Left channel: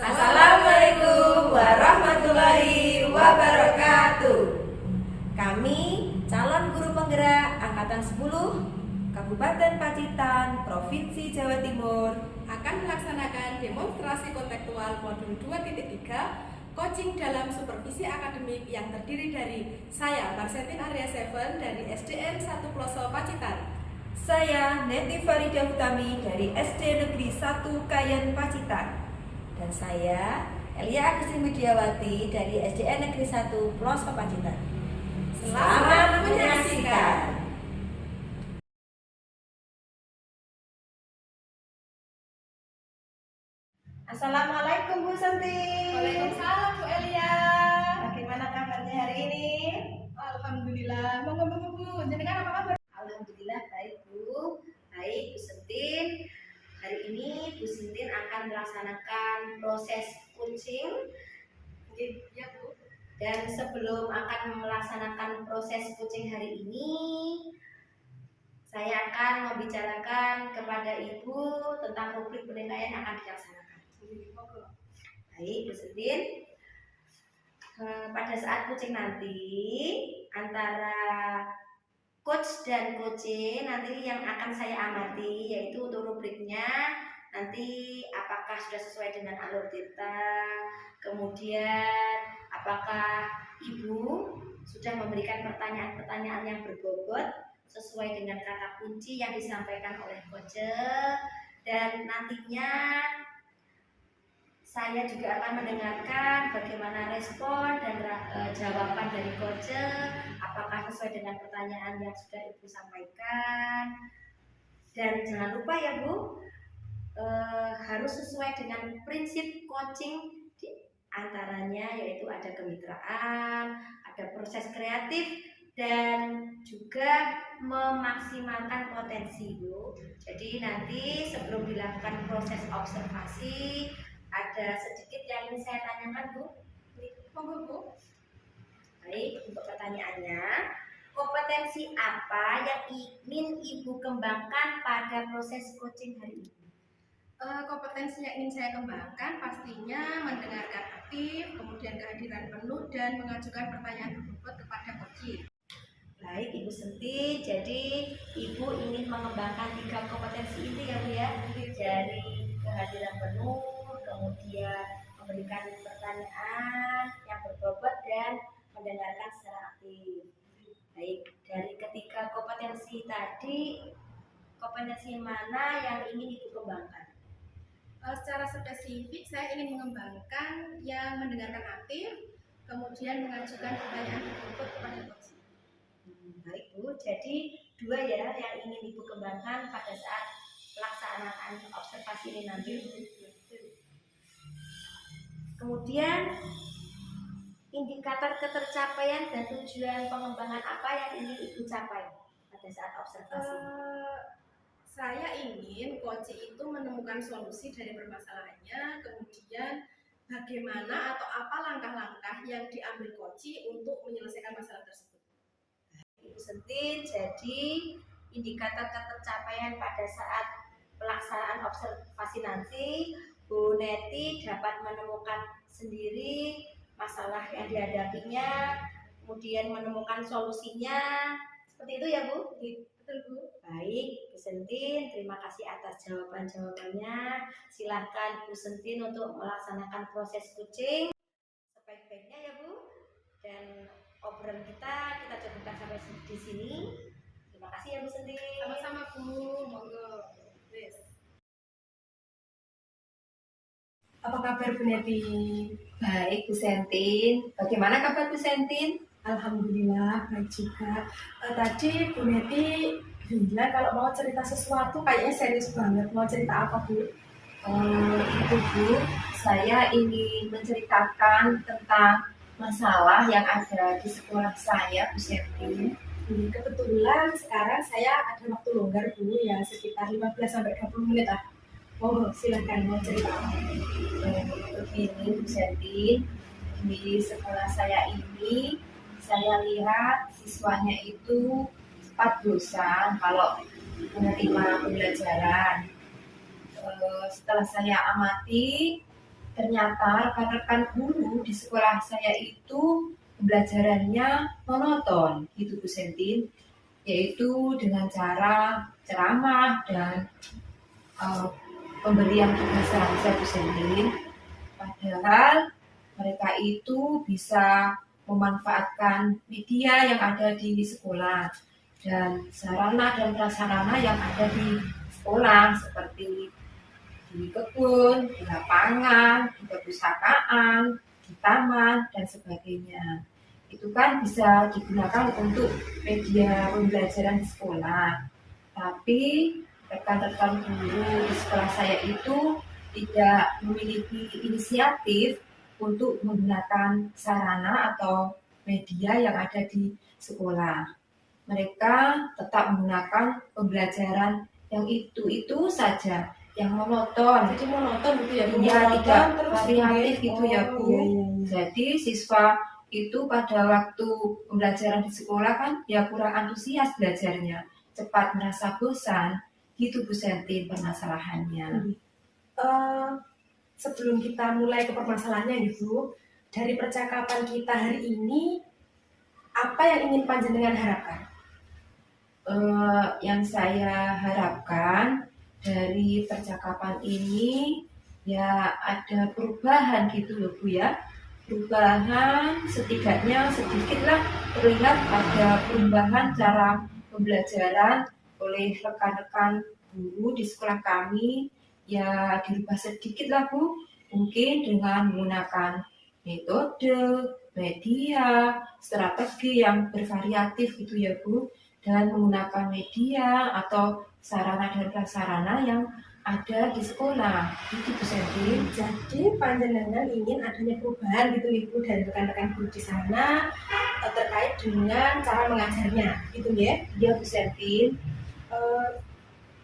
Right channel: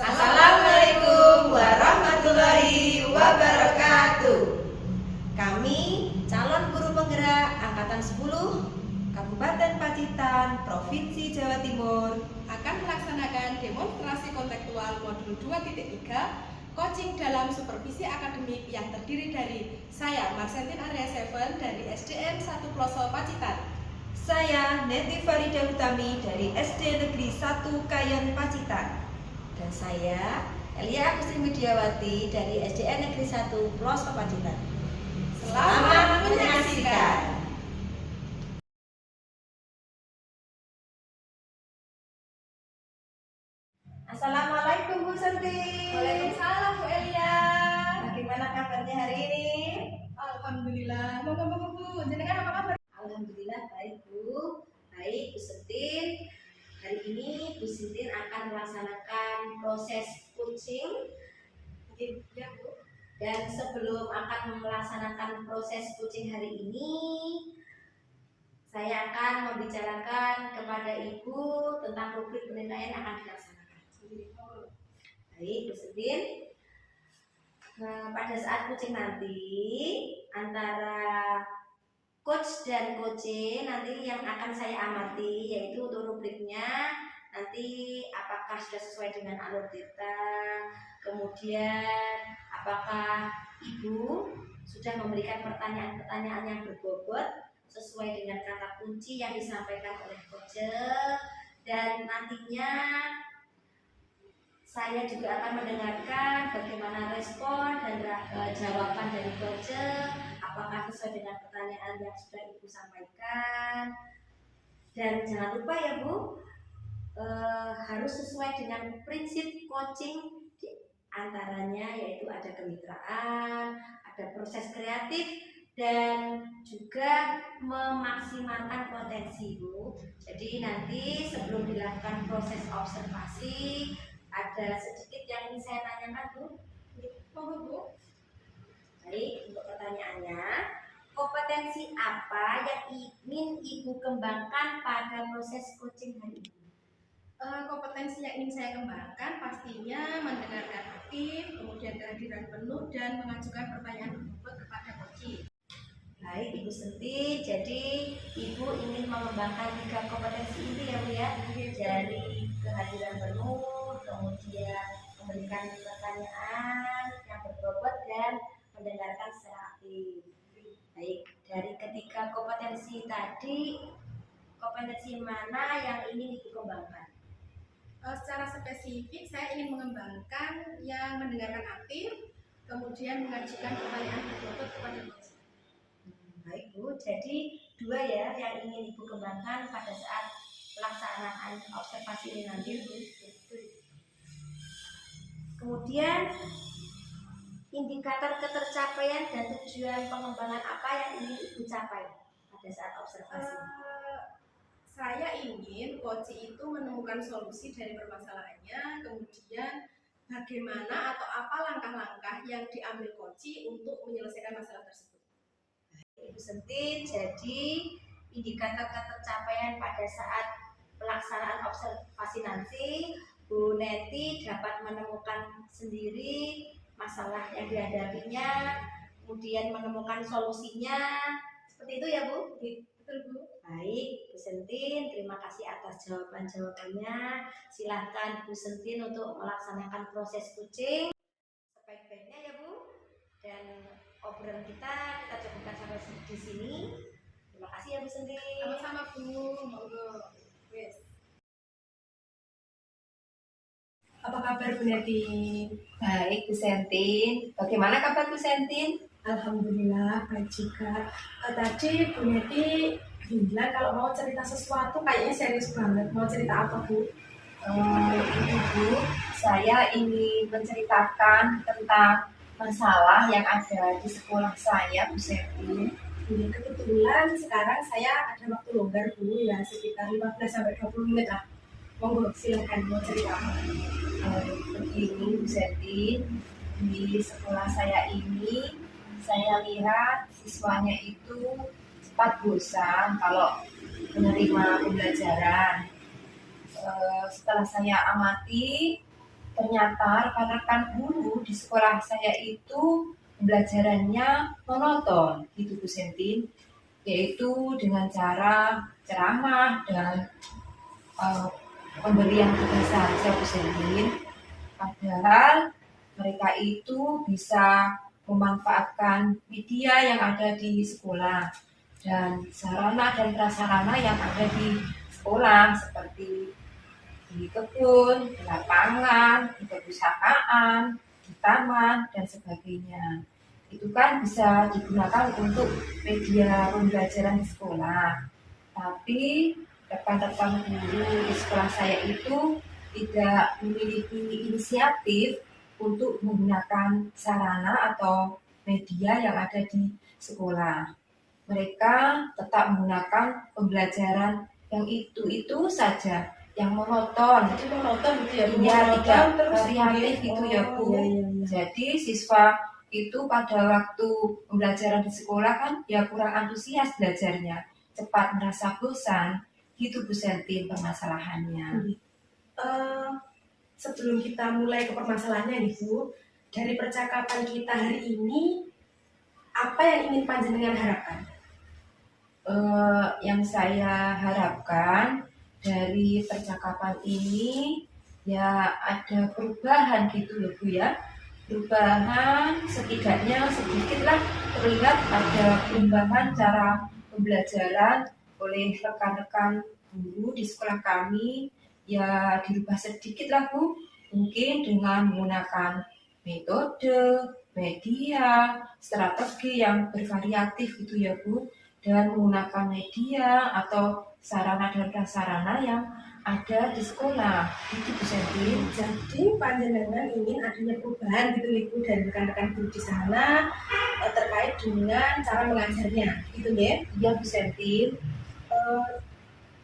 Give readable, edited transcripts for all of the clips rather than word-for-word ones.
Assalamualaikum warahmatullahi wabarakatuh. Kami calon guru penggerak Angkatan 10 Kabupaten Pacitan, Provinsi Jawa Timur akan melaksanakan demonstrasi kontekstual modul 2.3 coaching dalam supervisi akademik yang terdiri dari saya Marsentin Arya Seven dari SDN 1 Ploso Pacitan. Saya Neti Farida Utami dari SD Negeri 1 Kayen Pacitan. Dan saya Elia Agustri Widiawati dari SDN Negeri 1 Ploso Pacitan. Selamat menyaksikan. Assalamualaikum Bu Santi. Waalaikumsalam Bu Elia. Bagaimana kabarnya hari ini? Alhamdulillah. Moga-moga Bu, jenengan apa kabar? Alhamdulillah baik Bu. Baik Bu Sentin. Hari ini Bu Sintin akan melaksanakan proses coaching. Ya Bu. Dan sebelum akan melaksanakan proses coaching hari ini, saya akan membicarakan kepada Ibu tentang rubrik penilaian yang akan dilaksanakan. Baik Bu Sintin. Pada saat coaching nanti antara coach dan coaching nanti yang akan saya amati yaitu untuk rubriknya nanti apakah sudah sesuai dengan alur kita, kemudian apakah Ibu sudah memberikan pertanyaan-pertanyaan yang berbobot sesuai dengan kata kunci yang disampaikan oleh coach, dan nantinya saya juga akan mendengarkan bagaimana respon dan jawaban dari coach, apakah sesuai dengan pertanyaan yang sudah Ibu sampaikan. Dan jangan lupa ya Bu, harus sesuai dengan prinsip coaching, antaranya yaitu ada kemitraan, ada proses kreatif, dan juga memaksimalkan potensi Bu. Jadi nanti sebelum dilakukan proses observasi, ada sedikit yang ingin saya tanyakan Bu. Monggo Bu. Baik, untuk pertanyaannya, kompetensi apa yang ingin Ibu kembangkan pada proses coaching hari ini? Kompetensi yang ingin saya kembangkan pastinya mendengarkan aktif, kemudian kehadiran penuh dan mengajukan pertanyaan berbobot kepada coach. Baik Ibu Senti, jadi Ibu ingin mengembangkan 3 kompetensi ini ya Bu ya, dari kehadiran penuh, kemudian memberikan pertanyaan yang berbobot dan mendengarkan secara aktif. Baik, dari ketiga kompetensi tadi, kompetensi mana yang ingin Ibu kembangkan? Secara spesifik saya ingin mengembangkan yang mendengarkan aktif, kemudian mengajukan pertanyaan berbobot kepada coach. Baik Bu, jadi 2 ya yang ingin Ibu kembangkan pada saat pelaksanaan observasi ini nanti. Kemudian indikator ketercapaian dan tujuan pengembangan apa yang ingin Ibu capai pada saat observasi? Saya ingin coach itu menemukan solusi dari permasalahannya, kemudian bagaimana atau apa langkah-langkah yang diambil coach untuk menyelesaikan masalah tersebut. Ibu Sentin, jadi indikator ketercapaian pada saat pelaksanaan observasi nanti, Bu Neti dapat menemukan sendiri masalah yang dihadapinya, kemudian menemukan solusinya, seperti itu ya Bu? Betul Bu. Baik Bu Sentin, terima kasih atas jawaban-jawabannya. Silahkan Bu Sentin untuk melaksanakan proses coaching sebaik-baiknya ya Bu. Dan obrolan kita cukupkan sampai di sini. Terima kasih ya Bu Sentin. Sama-sama Bu, monggo. Wes. Apa kabar Bu Neti? Baik Bu Sentin. Bagaimana kabar Bu Sentin? Alhamdulillah baik juga. Tadi Bu Neti bilang kalau mau cerita sesuatu kayaknya serius banget. Mau cerita apa Bu? Itu Bu, saya ingin menceritakan tentang masalah yang ada di sekolah saya Bu Sentin. Kebetulan sekarang saya ada waktu longgar Bu, ya sekitar 15-20 menit lah. Monggo silakan, mau cerita apa? Begini Bu Sentin, di sekolah saya ini saya lihat siswanya itu cepat bosan kalau menerima pembelajaran. Setelah saya amati, Ternyata rekan-rekan guru di sekolah saya itu pembelajarannya monoton, gitu Bu Sentin, yaitu dengan cara ceramah dan eh, pemberian tugas saja Bu Sentin. Padahal mereka itu bisa memanfaatkan media yang ada di sekolah dan sarana dan prasarana yang ada di sekolah seperti di kebun, di lapangan, di perpustakaan, di taman, dan sebagainya. Itu kan bisa digunakan untuk media pembelajaran di sekolah. Tapi rekan-rekan guru di sekolah saya itu tidak memiliki inisiatif untuk menggunakan sarana atau media yang ada di sekolah. Mereka tetap menggunakan pembelajaran yang itu saja, yang monoton. Jadi monoton gitu ya Bu? Iya, Monoton, tidak terus variatif kemudian- gitu ya Bu. iya, iya. Jadi siswa itu pada waktu pembelajaran di sekolah kan ya kurang antusias belajarnya, cepat merasa bosan, gitu Bu Sentin permasalahannya. Sebelum kita mulai ke permasalahannya gitu, dari percakapan kita hari ini, apa yang ingin panjenengan harapkan? Yang saya harapkan dari percakapan ini ya ada perubahan gitu loh Bu ya. Perubahan setidaknya sedikitlah terlihat ada perubahan cara pembelajaran oleh rekan-rekan guru di sekolah kami, ya dirubah sedikit lah Bu, mungkin dengan menggunakan metode, media, strategi yang bervariatif gitu ya Bu, dan menggunakan media atau sarana dan prasarana yang ada di sekolah. Itu Bu Sentin. Jadi panjenengan ingin adanya perubahan gitu Ibu dari rekan-rekan guru di sana terkait dengan cara mengajarnya, gitu ya? Iya Bu Sentin.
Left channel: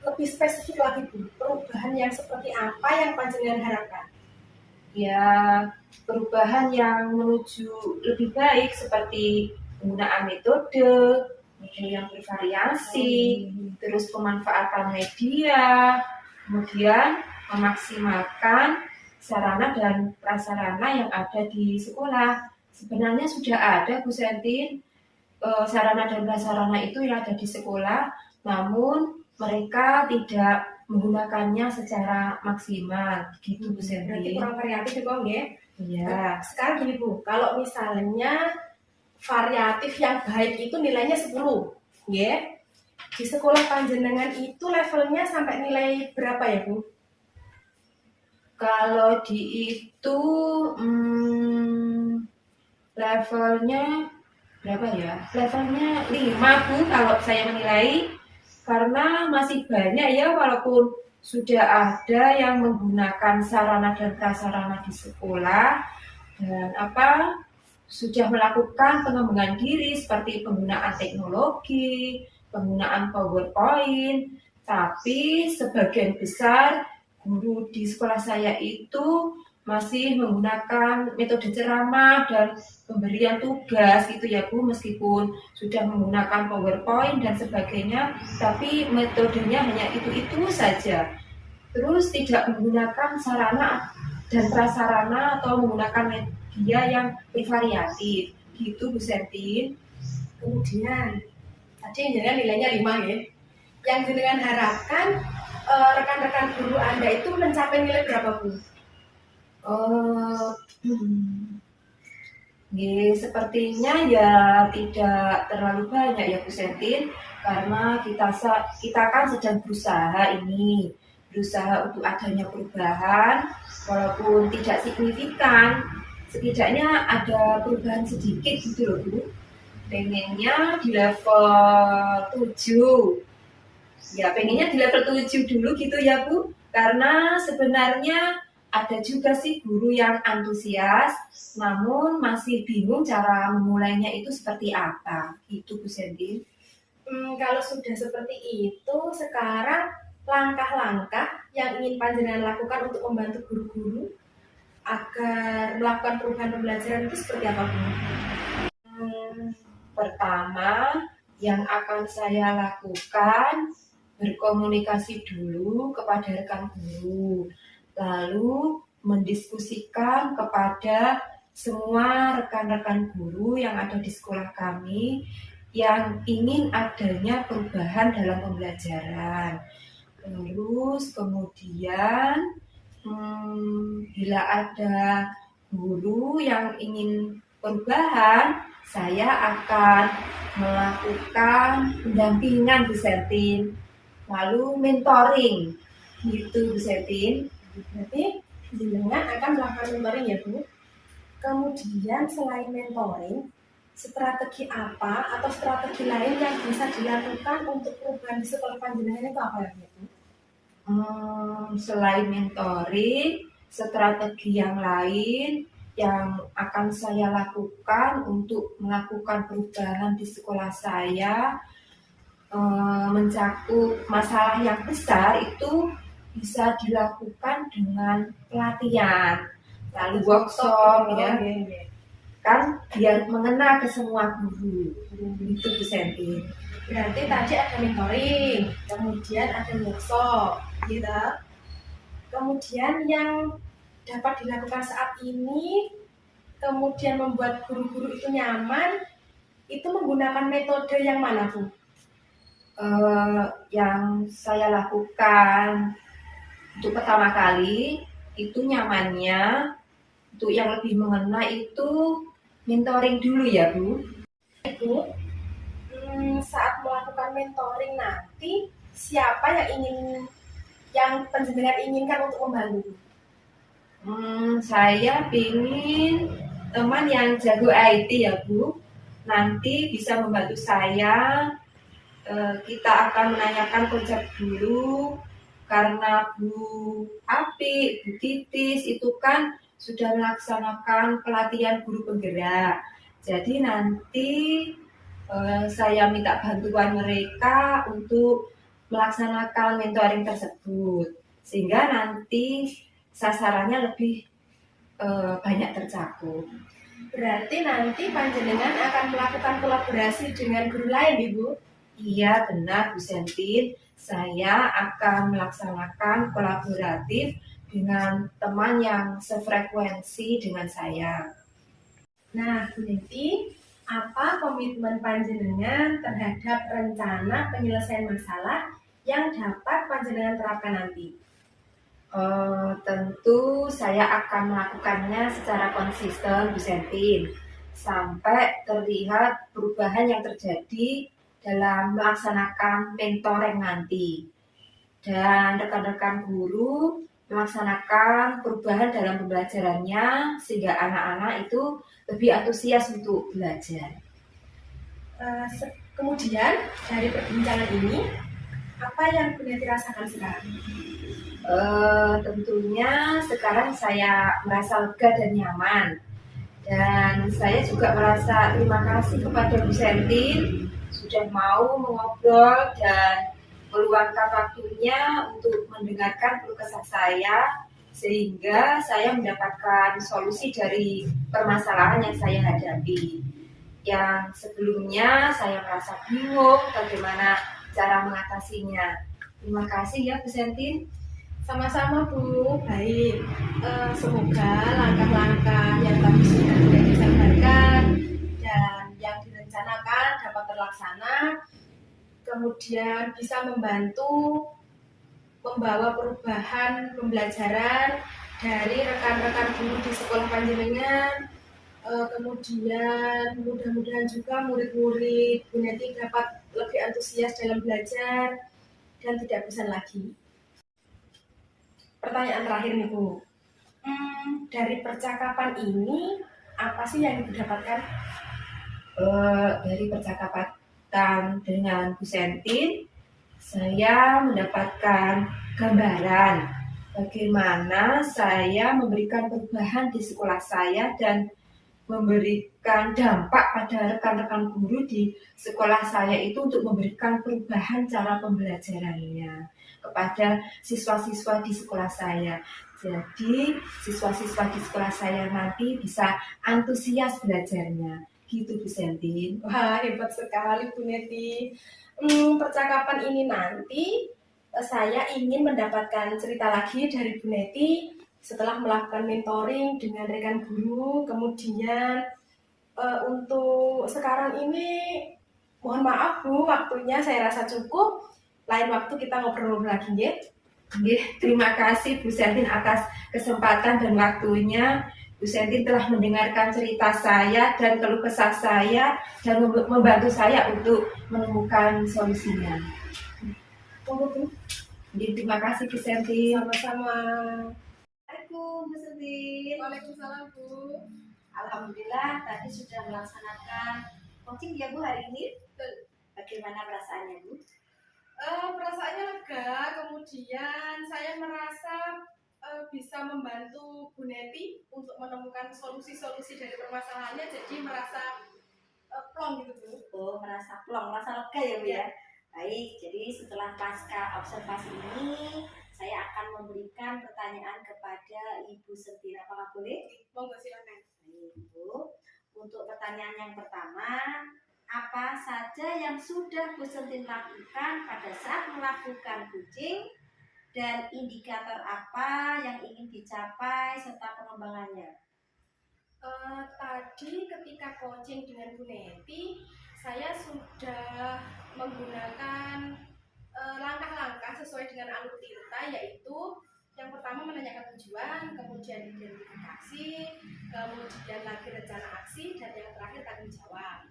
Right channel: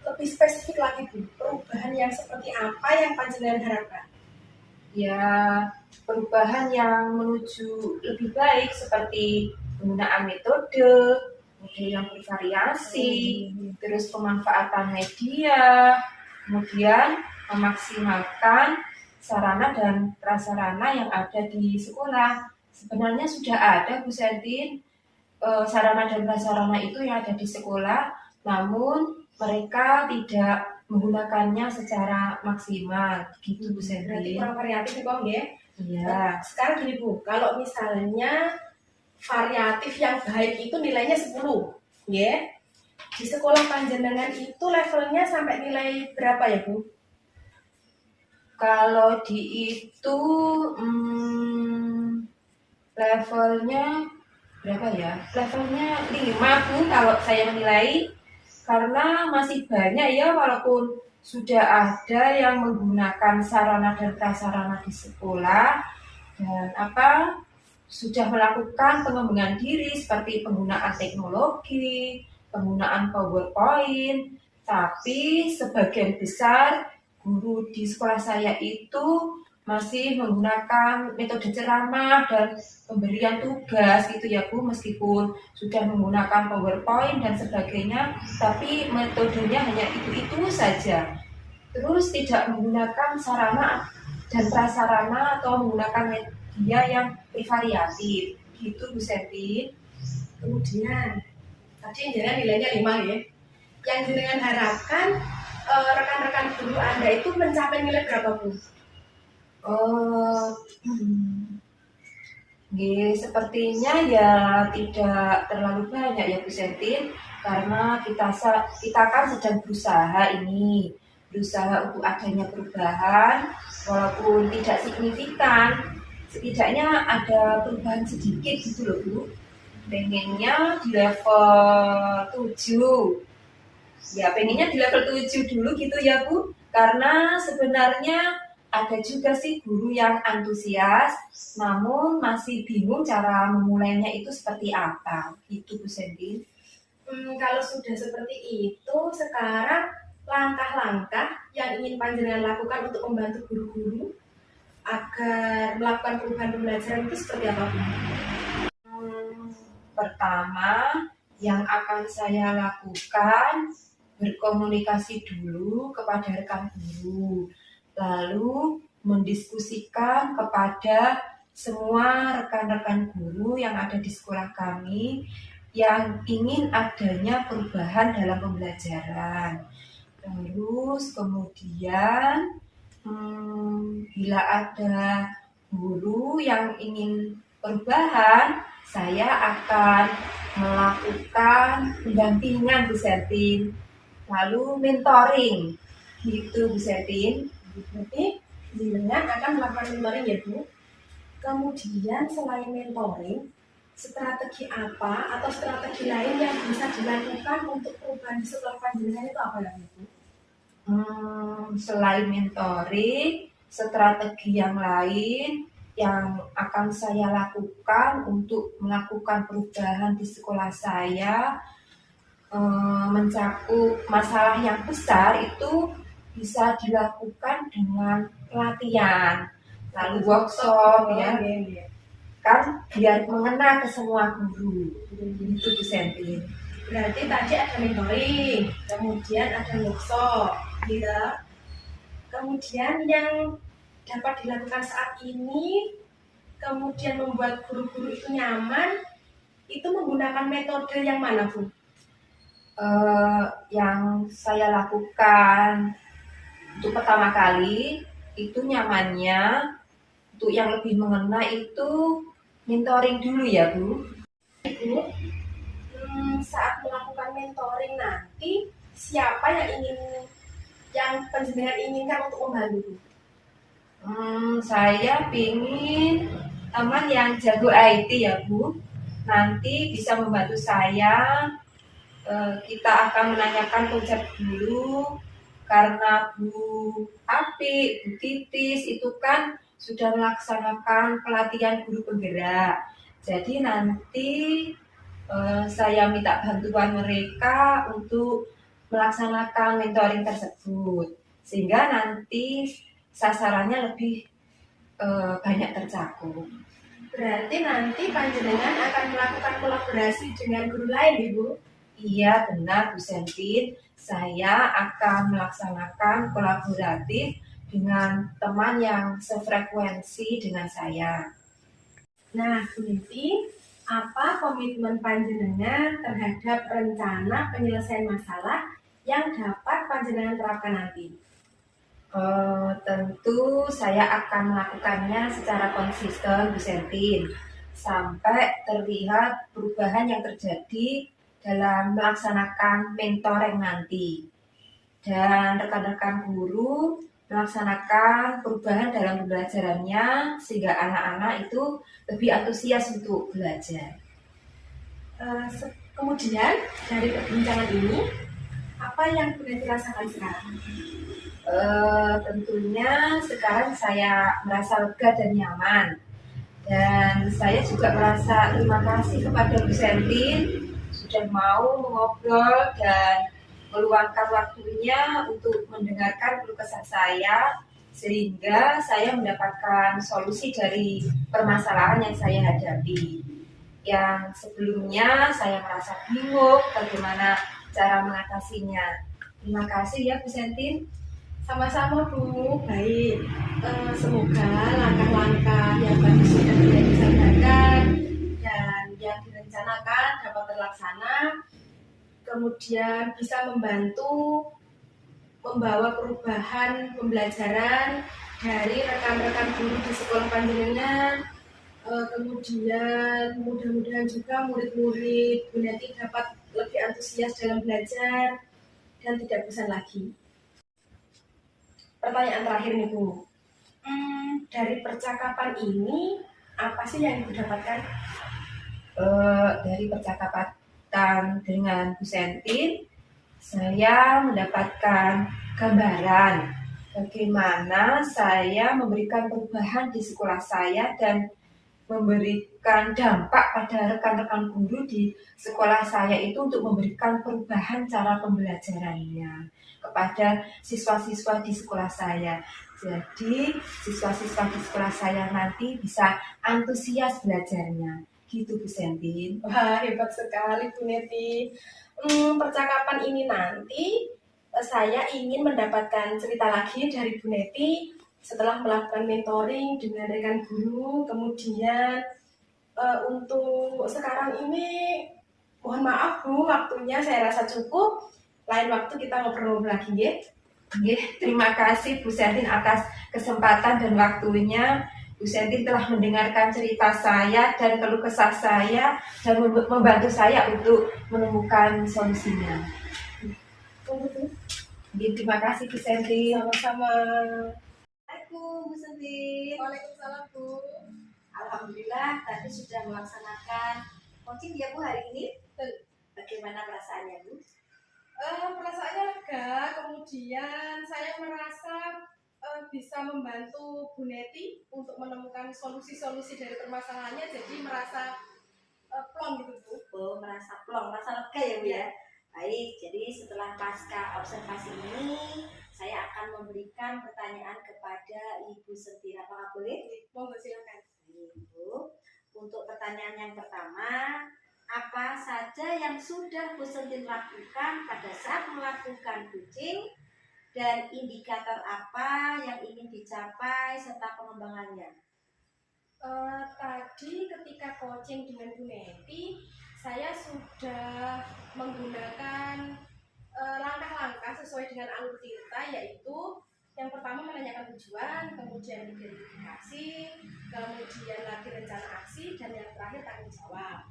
Lebih spesifik lagi Bu, perubahan yang seperti apa yang panjenengan harapkan? Ya perubahan yang menuju lebih baik seperti penggunaan metode yang bervariasi, terus pemanfaatan media, kemudian memaksimalkan sarana dan prasarana yang ada di sekolah. Sebenarnya sudah ada Bu Sentin, sarana dan prasarana itu yang ada di sekolah, namun mereka tidak menggunakannya secara maksimal, gitu Bu Berarti Sentin. kurang variatif ya, ya? Iya. Sekarang gini Bu, kalau misalnya variatif yang baik itu nilainya 10, ya? Di sekolah panjenengan itu levelnya sampai nilai berapa ya Bu? Kalau di itu levelnya berapa ya? Levelnya 5 Bu kalau saya menilai, karena masih banyak ya walaupun sudah ada yang menggunakan sarana dan prasarana di sekolah dan sudah melakukan pengembangan diri seperti penggunaan teknologi, penggunaan PowerPoint, tapi sebagian besar guru di sekolah saya itu masih menggunakan metode ceramah dan pemberian tugas gitu ya Bu, meskipun sudah menggunakan PowerPoint dan sebagainya, tapi metodenya hanya itu saja. Terus tidak menggunakan sarana dan prasarana atau menggunakan media yang bervariatif, gitu Bu Sentin. Kemudian tadi yang jenengan nilainya 5 ya. Yang jenengan harapkan rekan-rekan guru Anda itu mencapai nilai berapa Bu? Sepertinya ya tidak terlalu banyak ya Bu Sentin, karena kita kan sedang berusaha untuk adanya perubahan, walaupun tidak signifikan, setidaknya ada perubahan sedikit gitu loh Bu. Pengennya di level 7. Ya pengennya di level 7 dulu gitu ya Bu, karena sebenarnya ada juga sih guru yang antusias, namun masih bingung cara memulainya itu seperti apa, gitu Bu Sentin. Kalau sudah seperti itu, sekarang langkah-langkah yang ingin panjenengan lakukan untuk membantu guru-guru agar melakukan perubahan pembelajaran itu seperti apa Bu? Pertama, yang akan saya lakukan berkomunikasi dulu kepada rekan guru, lalu mendiskusikan kepada semua rekan-rekan guru yang ada di sekolah kami yang ingin adanya perubahan dalam pembelajaran. Terus kemudian bila ada guru yang ingin perubahan, saya akan melakukan pendampingan Bu Sentin, lalu mentoring gitu Bu Sentin. Berarti jenengan akan melakukan mentoring ya Bu. Kemudian selain mentoring, strategi apa atau strategi lain yang bisa dilakukan untuk perubahan di sekolah panjenengan itu apa ya Bu? Selain mentoring, strategi yang lain yang akan saya lakukan untuk melakukan perubahan di sekolah saya mencakup masalah yang besar itu bisa dilakukan dengan pelatihan, lalu workshop ya, kan biar mengena ke semua guru. Itu Bu Sentin. Berarti tadi ada mentoring, kemudian ada workshop, gitu. Kemudian yang dapat dilakukan saat ini, kemudian membuat guru-guru itu nyaman, itu menggunakan metode yang mana Bu? Yang saya lakukan untuk pertama kali itu nyamannya, untuk yang lebih mengena itu mentoring dulu ya Bu. Ibu, saat melakukan mentoring nanti siapa yang penjenengan inginkan untuk membantu? Saya ingin teman yang jago IT ya Bu, nanti bisa membantu saya. Kita akan menanyakan konsep dulu, karena Bu Api, Bu Titis itu kan sudah melaksanakan pelatihan guru penggerak. Jadi nanti saya minta bantuan mereka untuk melaksanakan mentoring tersebut, sehingga nanti sasarannya lebih banyak tercakup. Berarti nanti panjenengan akan melakukan kolaborasi dengan guru lain, Ibu? Iya benar Bu Sentin, saya akan melaksanakan kolaboratif dengan teman yang sefrekuensi dengan saya. Nah Bu Niti, apa komitmen panjenengan terhadap rencana penyelesaian masalah yang dapat panjenengan terapkan nanti? Tentu saya akan melakukannya secara konsisten Bu Sentin, sampai terlihat perubahan yang terjadi dalam melaksanakan mentoring nanti, dan rekan-rekan guru melaksanakan perubahan dalam pembelajarannya sehingga anak-anak itu lebih antusias untuk belajar. Kemudian dari perbincangan ini, apa yang Bu Niti rasakan sekarang? Tentunya sekarang saya merasa lega dan nyaman, dan saya juga merasa terima kasih kepada Bu Sentin sudah mau mengobrol dan meluangkan waktunya untuk mendengarkan keluh kesah saya, sehingga saya mendapatkan solusi dari permasalahan yang saya hadapi. Yang sebelumnya saya merasa bingung bagaimana cara mengatasinya. Terima kasih ya Bu Sentin. Sama-sama Bu, baik. Semoga langkah-langkah yang tadi sudah disampaikan dan yang direncanakan dapat terlaksana, kemudian bisa membantu membawa perubahan pembelajaran dari rekan-rekan guru di sekolah panjenengan. Kemudian mudah-mudahan juga murid-murid Bu Neti dapat lebih antusias dalam belajar dan tidak bosan lagi. Pertanyaan terakhir nih Bu, dari percakapan ini apa sih yang Ibu dapatkan? Dari percakapan dengan Bu Sentin, saya mendapatkan gambaran bagaimana saya memberikan perubahan di sekolah saya dan memberikan dampak pada rekan-rekan guru di sekolah saya itu untuk memberikan perubahan cara pembelajarannya kepada siswa-siswa di sekolah saya. Jadi siswa-siswa di sekolah saya nanti bisa antusias belajarnya. Gitu Bu Sentin. Wah, hebat sekali Bu Neti. Percakapan ini nanti saya ingin mendapatkan cerita lagi dari Bu Neti setelah melakukan mentoring dengan rekan guru, kemudian untuk sekarang ini mohon maaf Bu, waktunya saya rasa cukup. Lain waktu kita ngobrol lagi ya. Terima kasih Bu Sentin atas kesempatan dan waktunya. Bu Sentin telah mendengarkan cerita saya dan keluh kesah saya dan membantu saya untuk menemukan solusinya. Tunggu Bu. Terima kasih Bu Sentin. Sama-sama. Assalamualaikum Bu Sentin. Waalaikumsalam Bu. Alhamdulillah tadi sudah melaksanakan coaching ya Bu hari ini. Betul. Bagaimana perasaannya Bu? Perasaannya lega, kemudian saya merasa bisa membantu Bu Neti untuk menemukan solusi-solusi dari permasalahannya, jadi merasa plong gitu Bu. Oh, merasa plong, merasa lega ya Bu ya. Baik, jadi setelah pasca observasi ini saya akan memberikan pertanyaan kepada Ibu Sentin. Apakah boleh? Monggo silakan. Baik, Bu. Untuk pertanyaan yang pertama, apa saja yang sudah Bu Sentin lakukan pada saat melakukan coaching dan indikator apa yang ingin dicapai serta pengembangannya? Tadi ketika coaching dengan Bu Neti, saya sudah menggunakan langkah-langkah sesuai dengan alur Tirta, yaitu yang pertama menanyakan tujuan, kemudian identifikasi, kemudian lagi rencana aksi, dan yang terakhir tanggung jawab.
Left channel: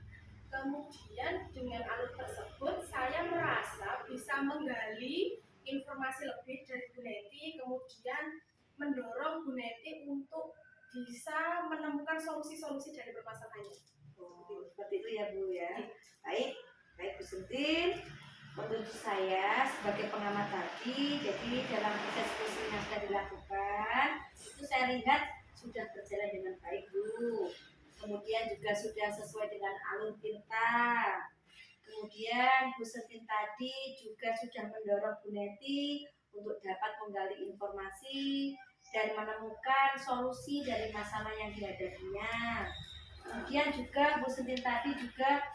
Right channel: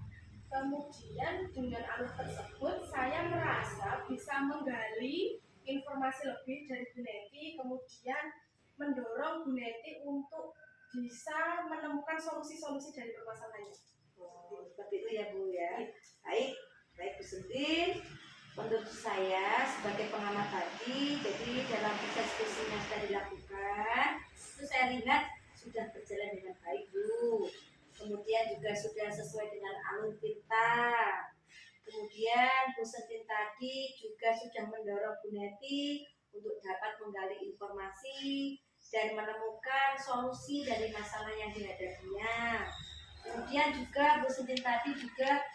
Kemudian dengan alur tersebut saya merasa bisa menggali informasi lebih dari Bu Neti, kemudian mendorong Bu Neti untuk bisa menemukan solusi-solusi dari permasalahannya. Oh, seperti itu ya Bu ya. Baik, baik Bu Sentin. Menurut saya sebagai pengamat tadi, jadi dalam proses coaching yang sudah dilakukan, itu saya lihat sudah berjalan dengan baik Bu. Kemudian juga sudah sesuai dengan alur Tirta. Kemudian Bu Sentin tadi juga sudah mendorong Bu Neti untuk dapat menggali informasi dan menemukan solusi dari masalah yang dihadapinya. Kemudian juga Bu Sentin tadi juga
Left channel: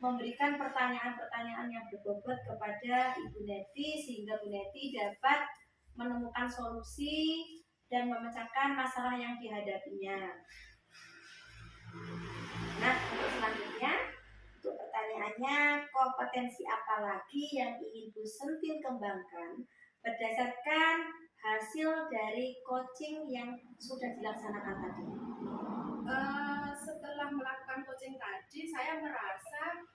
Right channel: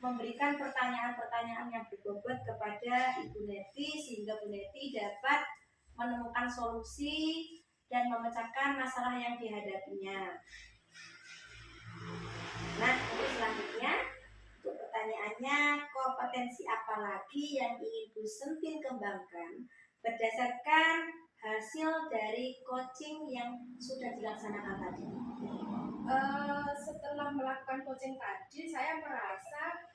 memberikan pertanyaan-pertanyaan yang berbobot kepada Ibu Neti sehingga Bu Neti dapat menemukan solusi dan memecahkan masalah yang dihadapinya. Nah, untuk selanjutnya, untuk pertanyaannya, kompetensi apa lagi yang ingin Bu Sentin kembangkan berdasarkan hasil dari coaching yang sudah dilaksanakan tadi? Setelah melakukan coaching tadi, saya merasa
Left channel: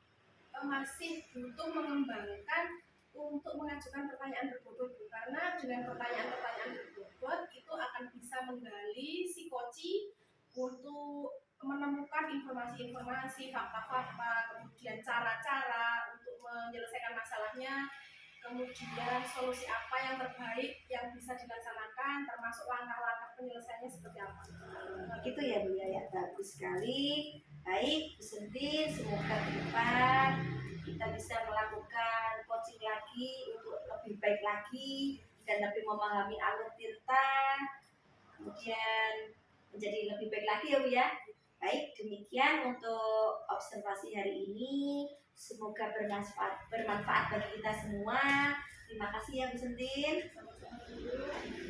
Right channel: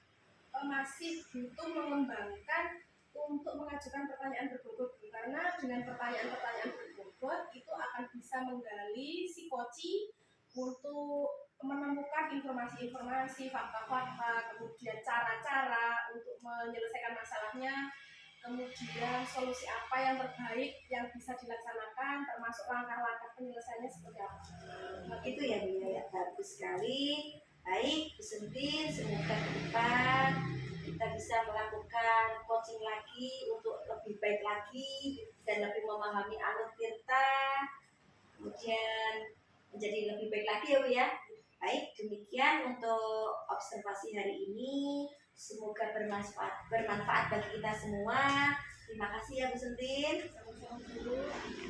masih butuh mengembangkan untuk mengajukan pertanyaan berbobot, karena dengan pertanyaan-pertanyaan berbobot itu akan bisa menggali si coach untuk menemukan informasi-informasi, fakta-fakta, kemudian cara-cara untuk menyelesaikan masalahnya, kemudian solusi apa yang terbaik yang bisa dilaksanakan, termasuk langkah-langkah penyelesaiannya seperti apa. Itu ya Bu ya, bagus sekali. Baik Bu Sentin, semoga ke depan kita bisa melakukan coaching lagi untuk lebih baik lagi dan lebih memahami alur Tirta, kemudian menjadi lebih baik lagi ya Bu ya. Baik, demikian untuk observasi hari ini. Semoga bermanfaat bagi kita semua. Terima kasih ya Bu Sentin. Sama-sama.